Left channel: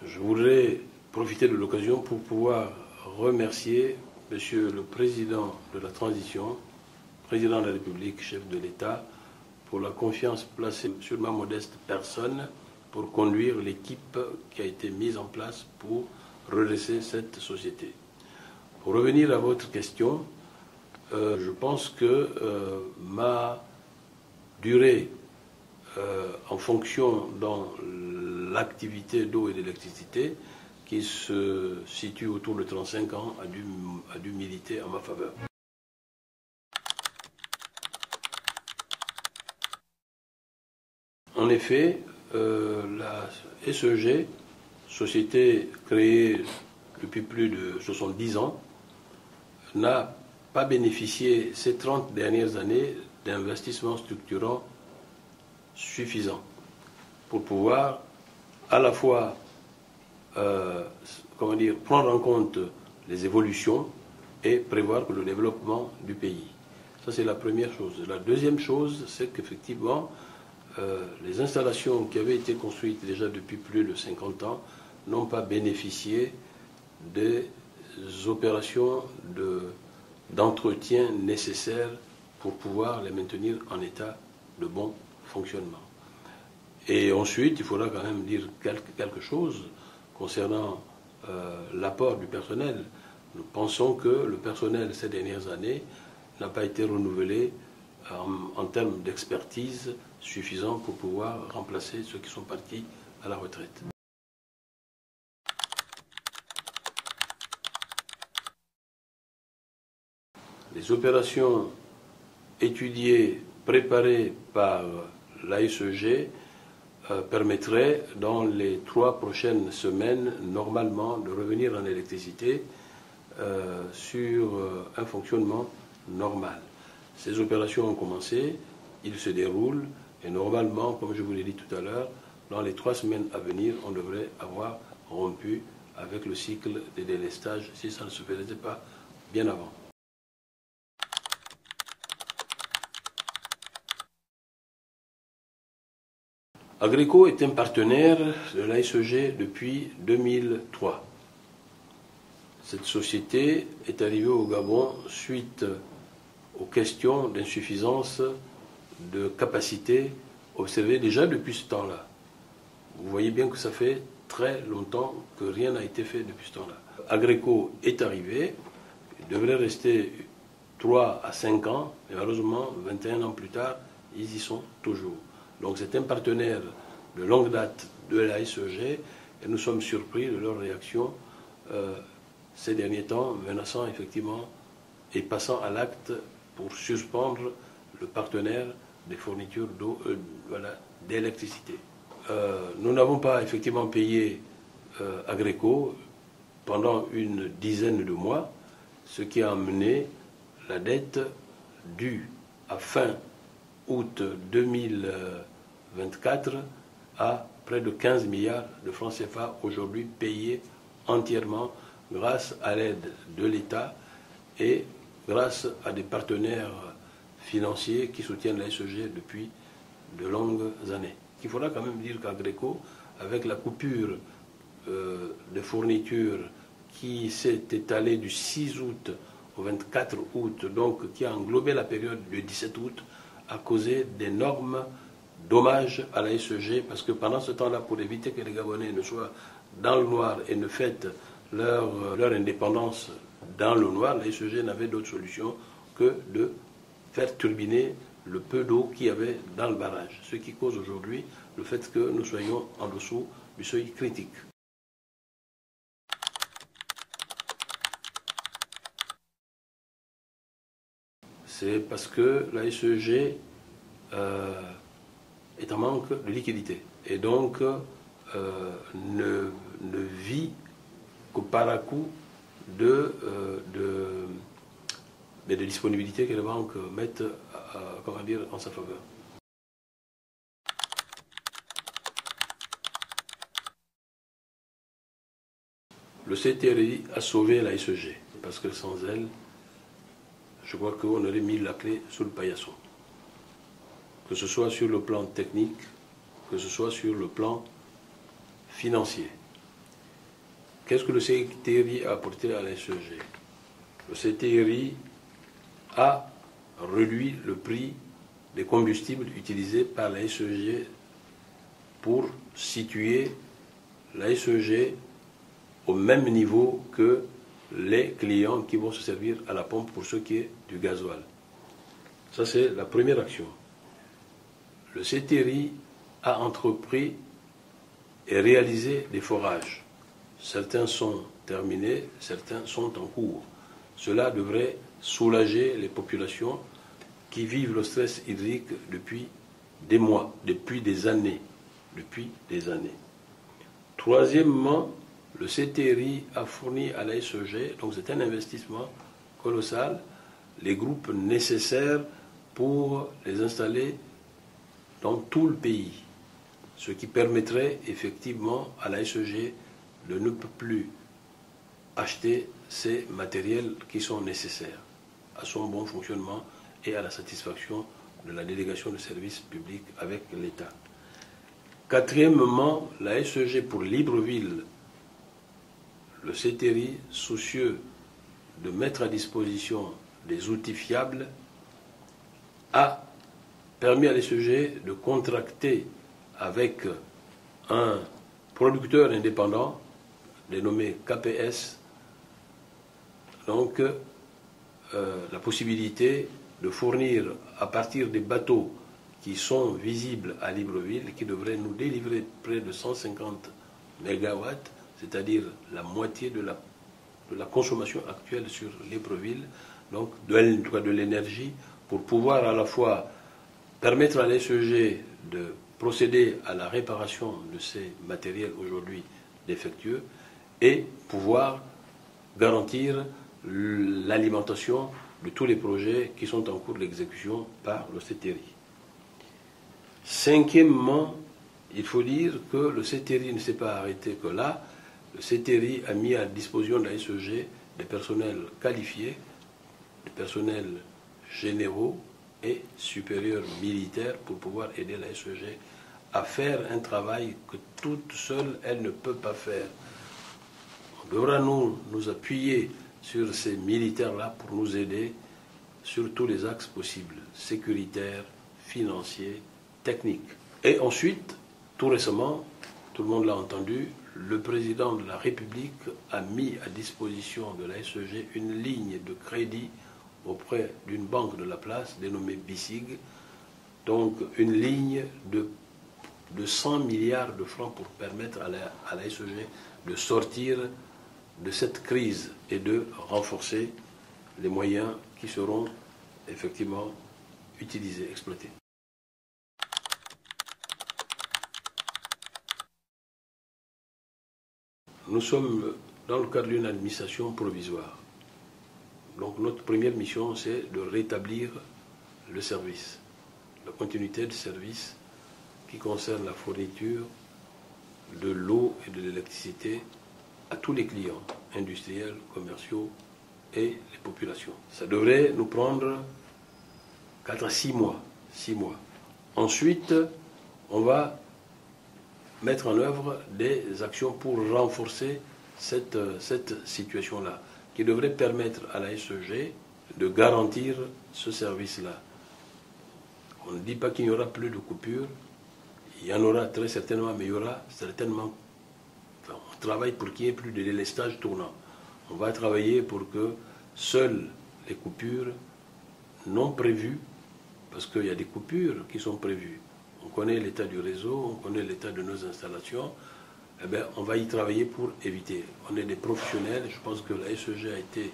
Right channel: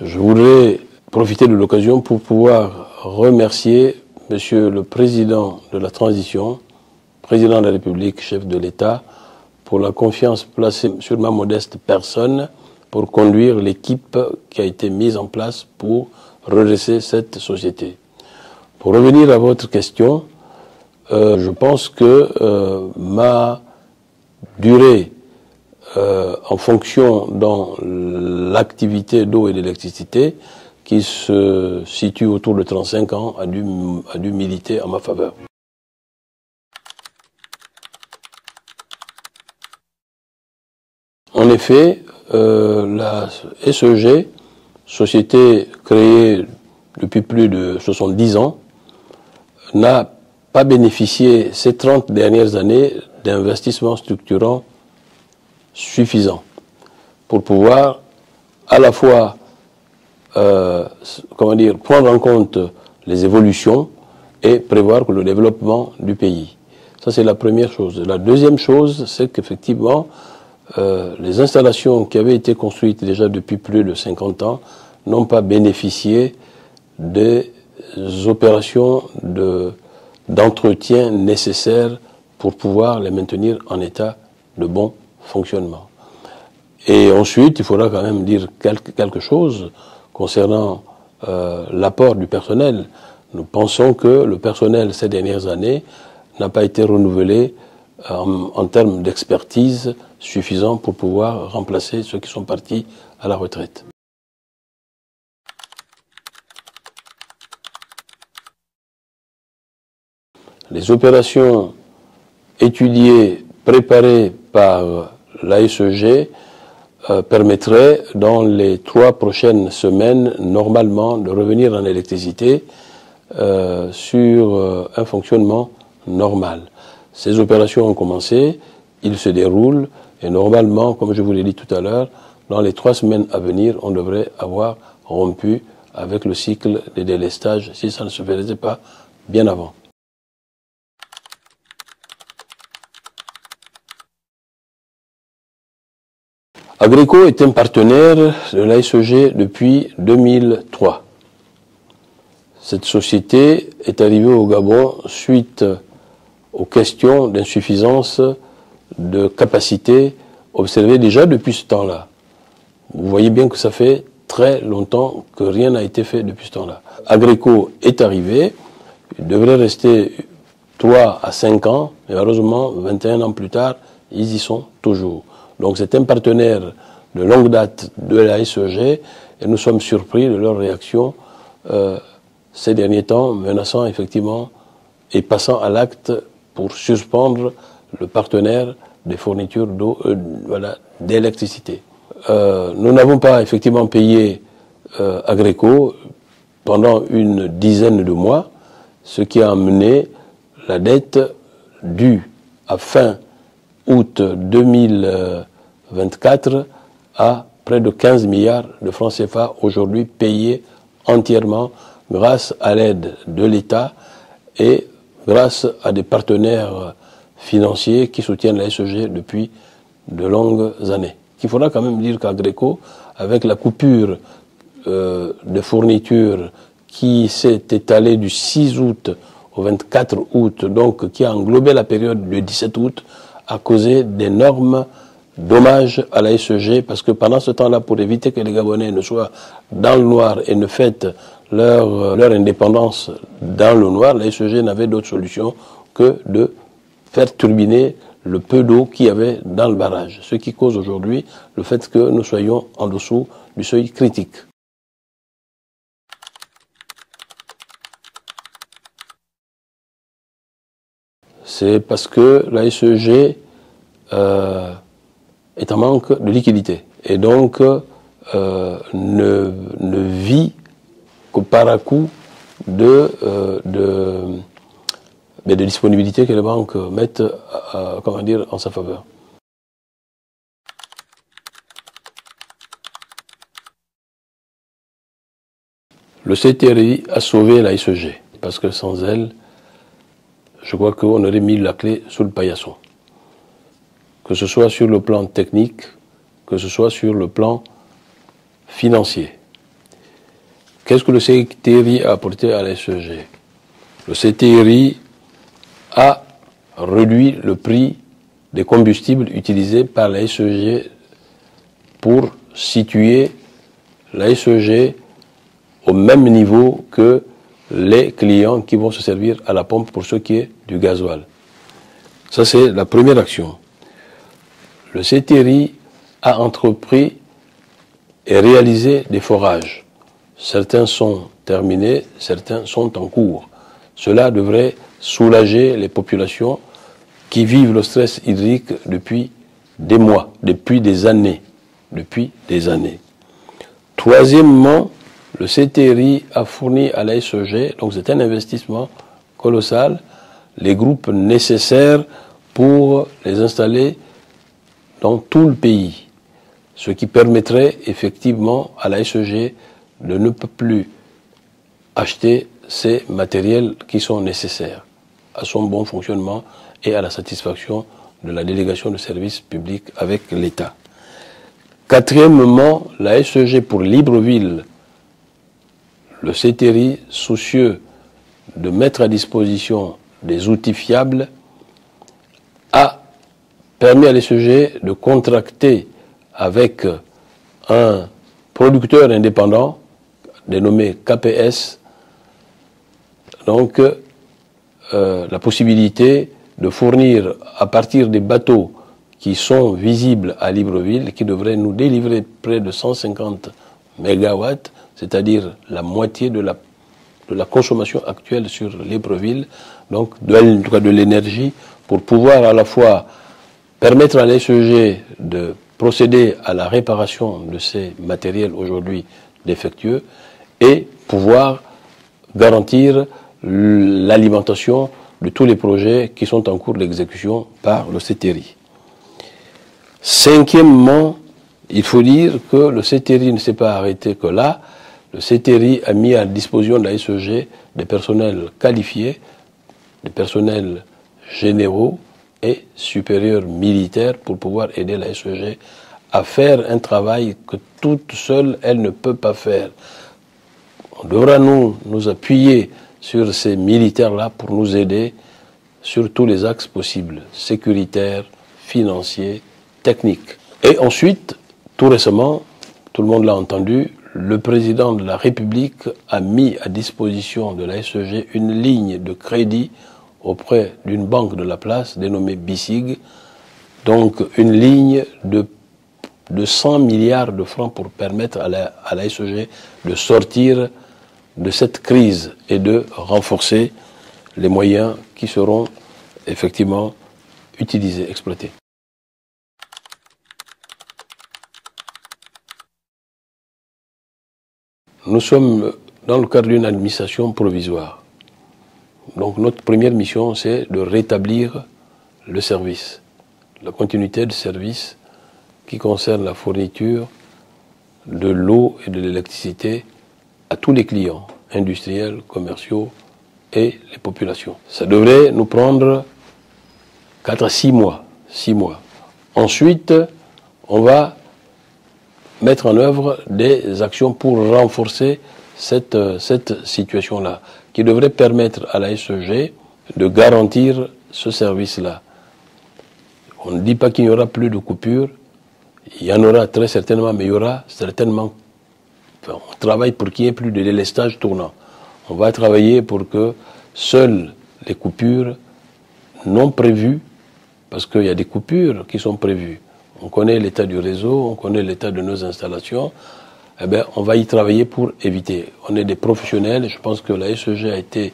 Je voudrais profiter de l'occasion pour pouvoir remercier Monsieur le Président de la Transition, Président de la République, chef de l'État, pour la confiance placée sur ma modeste personne pour conduire l'équipe qui a été mise en place pour redresser cette société. Pour revenir à votre question, je pense que ma durée en fonction dans l'activité d'eau et d'électricité, qui se situe autour de 35 ans, a dû militer en ma faveur. En effet, la SEG, société créée depuis plus de 70 ans, n'a pas bénéficié ces 30 dernières années d'investissements structurants suffisants pour pouvoir à la fois prendre en compte les évolutions et prévoir le développement du pays. Ça, c'est la première chose. La deuxième chose, c'est qu'effectivement, les installations qui avaient été construites déjà depuis plus de 50 ans n'ont pas bénéficié des opérations d'entretien nécessaires pour pouvoir les maintenir en état de bon fonctionnement. Et ensuite, il faudra quand même dire quelque chose concernant l'apport du personnel. Nous pensons que le personnel ces dernières années n'a pas été renouvelé en termes d'expertise suffisant pour pouvoir remplacer ceux qui sont partis à la retraite. Les opérations étudiées, préparées par l'ASEG permettraient dans les 3 prochaines semaines normalement de revenir en électricité sur un fonctionnement normal. Ces opérations ont commencé, ils se déroulent et normalement, comme je vous l'ai dit tout à l'heure, dans les 3 semaines à venir, on devrait avoir rompu avec le cycle des délestages si ça ne se faisait pas bien avant. Agreco est un partenaire de l'ASEG depuis 2003. Cette société est arrivée au Gabon suite aux questions d'insuffisance de capacité observées déjà depuis ce temps-là. Vous voyez bien que ça fait très longtemps que rien n'a été fait depuis ce temps-là. Agreco est arrivé, il devrait rester 3 à 5 ans, mais malheureusement, 21 ans plus tard, ils y sont toujours. Donc c'est un partenaire de longue date de la SEG et nous sommes surpris de leur réaction ces derniers temps, menaçant effectivement et passant à l'acte pour suspendre le partenaire des fournitures d'eau, d'électricité. Nous n'avons pas effectivement payé Agreco pendant une dizaine de mois, ce qui a amené la dette due à fin août 2024 à près de 15 milliards de francs CFA aujourd'hui payés entièrement grâce à l'aide de l'État et grâce à des partenaires financiers qui soutiennent la SEG depuis de longues années. Il faudra quand même dire qu'Agreco, avec la coupure de fournitures qui s'est étalée du 6 août au 24 août, donc qui a englobé la période du 17 août, a causé d'énormes dommages à la SEG, parce que pendant ce temps-là, pour éviter que les Gabonais ne soient dans le noir et ne fêtent leur indépendance dans le noir, la SEG n'avait d'autre solution que de faire turbiner le peu d'eau qu'il y avait dans le barrage, ce qui cause aujourd'hui le fait que nous soyons en dessous du seuil critique. C'est parce que la SEG est en manque de liquidité et donc ne vit qu'au para-coup de disponibilité que les banques mettent en sa faveur. Le CTRI a sauvé la SEG parce que sans elle, je crois qu'on aurait mis la clé sous le paillasson. Que ce soit sur le plan technique, que ce soit sur le plan financier. Qu'est-ce que le CTRI a apporté à la SEG? Le CTRI a réduit le prix des combustibles utilisés par la SEG pour situer la SEG au même niveau que les clients qui vont se servir à la pompe pour ce qui est du gasoil. Ça, c'est la première action. Le CTRI a entrepris et réalisé des forages. Certains sont terminés, certains sont en cours. Cela devrait soulager les populations qui vivent le stress hydrique depuis des mois, depuis des années. Troisièmement, le CTRI a fourni à la SEG, donc c'est un investissement colossal, les groupes nécessaires pour les installer dans tout le pays, ce qui permettrait effectivement à la SEG de ne plus acheter ces matériels qui sont nécessaires à son bon fonctionnement et à la satisfaction de la délégation de services publics avec l'État. Quatrièmement, la SEG pour Libreville, le CTRI, soucieux de mettre à disposition des outils fiables, a permis à la SEG de contracter avec un producteur indépendant dénommé KPS, donc la possibilité de fournir à partir des bateaux qui sont visibles à Libreville, qui devraient nous délivrer près de 150 MW, c'est-à-dire la moitié de la consommation actuelle sur Libreville, donc en tout cas de l'énergie, pour pouvoir à la fois permettre à l'SEG de procéder à la réparation de ces matériels aujourd'hui défectueux et pouvoir garantir l'alimentation de tous les projets qui sont en cours d'exécution par le CTRI. Cinquièmement, il faut dire que le CTRI ne s'est pas arrêté que là. Le CTRI a mis à disposition de la SEG des personnels qualifiés, des personnels généraux et supérieurs militaires pour pouvoir aider la SEG à faire un travail que toute seule, elle ne peut pas faire. On devra nous appuyer sur ces militaires-là pour nous aider sur tous les axes possibles, sécuritaires, financiers, techniques. Et ensuite, tout récemment, tout le monde l'a entendu, le président de la République a mis à disposition de la SEG une ligne de crédit auprès d'une banque de la place dénommée BICIG, donc une ligne de 100 milliards de francs pour permettre à la SEG de sortir de cette crise et de renforcer les moyens qui seront effectivement utilisés, exploités. Nous sommes dans le cadre d'une administration provisoire. Donc notre première mission, c'est de rétablir le service, la continuité de service qui concerne la fourniture de l'eau et de l'électricité à tous les clients, industriels, commerciaux et les populations. Ça devrait nous prendre 4 à 6 mois. 6 mois. Ensuite, on va mettre en œuvre des actions pour renforcer cette situation-là, qui devrait permettre à la SEG de garantir ce service-là. On ne dit pas qu'il n'y aura plus de coupures, il y en aura très certainement, mais il y aura certainement... Enfin, on travaille pour qu'il n'y ait plus de délestage tournant. On va travailler pour que seules les coupures non prévues, parce qu'il y a des coupures qui sont prévues, on connaît l'état du réseau, on connaît l'état de nos installations, eh bien, on va y travailler pour éviter. On est des professionnels, je pense que la SEG a été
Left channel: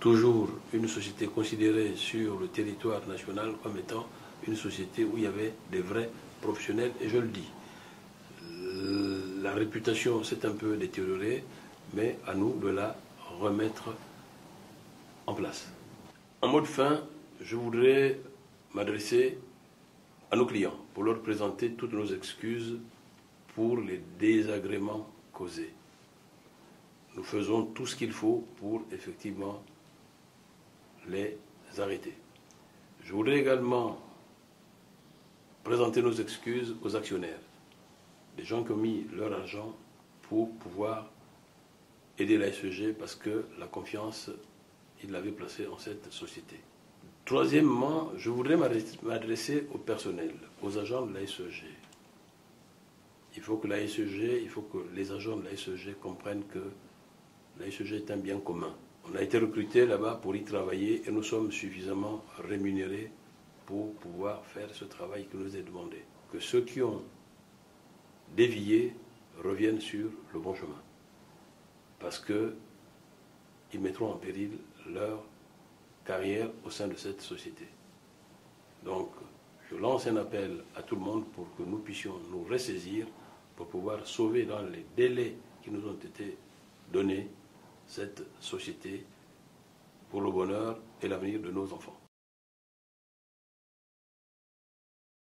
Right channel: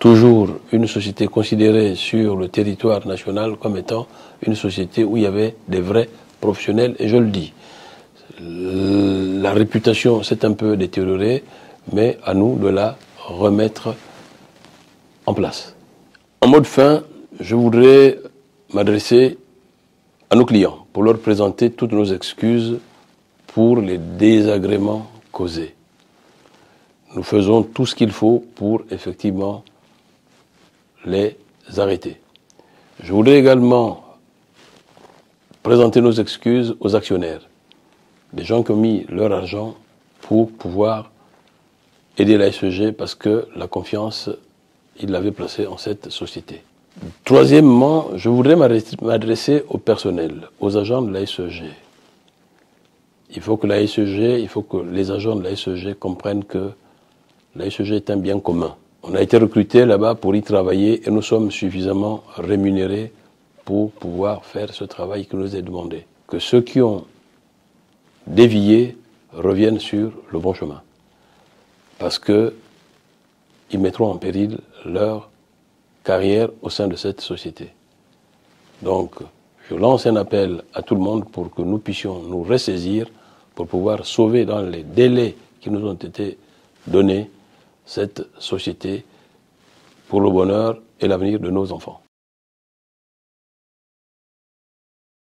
toujours une société considérée sur le territoire national comme étant une société où il y avait des vrais professionnels, et je le dis. La réputation s'est un peu détériorée, mais à nous de la remettre en place. En mode fin, je voudrais m'adresser à nos clients pour leur présenter toutes nos excuses pour les désagréments causés. Nous faisons tout ce qu'il faut pour effectivement les arrêter. Je voudrais également présenter nos excuses aux actionnaires, des gens qui ont mis leur argent pour pouvoir aider l'ASEG parce que la confiance, il l'avait placée en cette société. Troisièmement, je voudrais m'adresser au personnel, aux agents de l'ASEG. Il faut que les agents de l'ASEG comprennent que l'ASEG est un bien commun. On a été recrutés là-bas pour y travailler et nous sommes suffisamment rémunérés pour pouvoir faire ce travail qui nous est demandé. Que ceux qui ont dévié reviennent sur le bon chemin. Parce qu'ils mettront en péril leur carrière au sein de cette société. Donc, je lance un appel à tout le monde pour que nous puissions nous ressaisir pour pouvoir sauver dans les délais qui nous ont été donnés cette société pour le bonheur et l'avenir de nos enfants.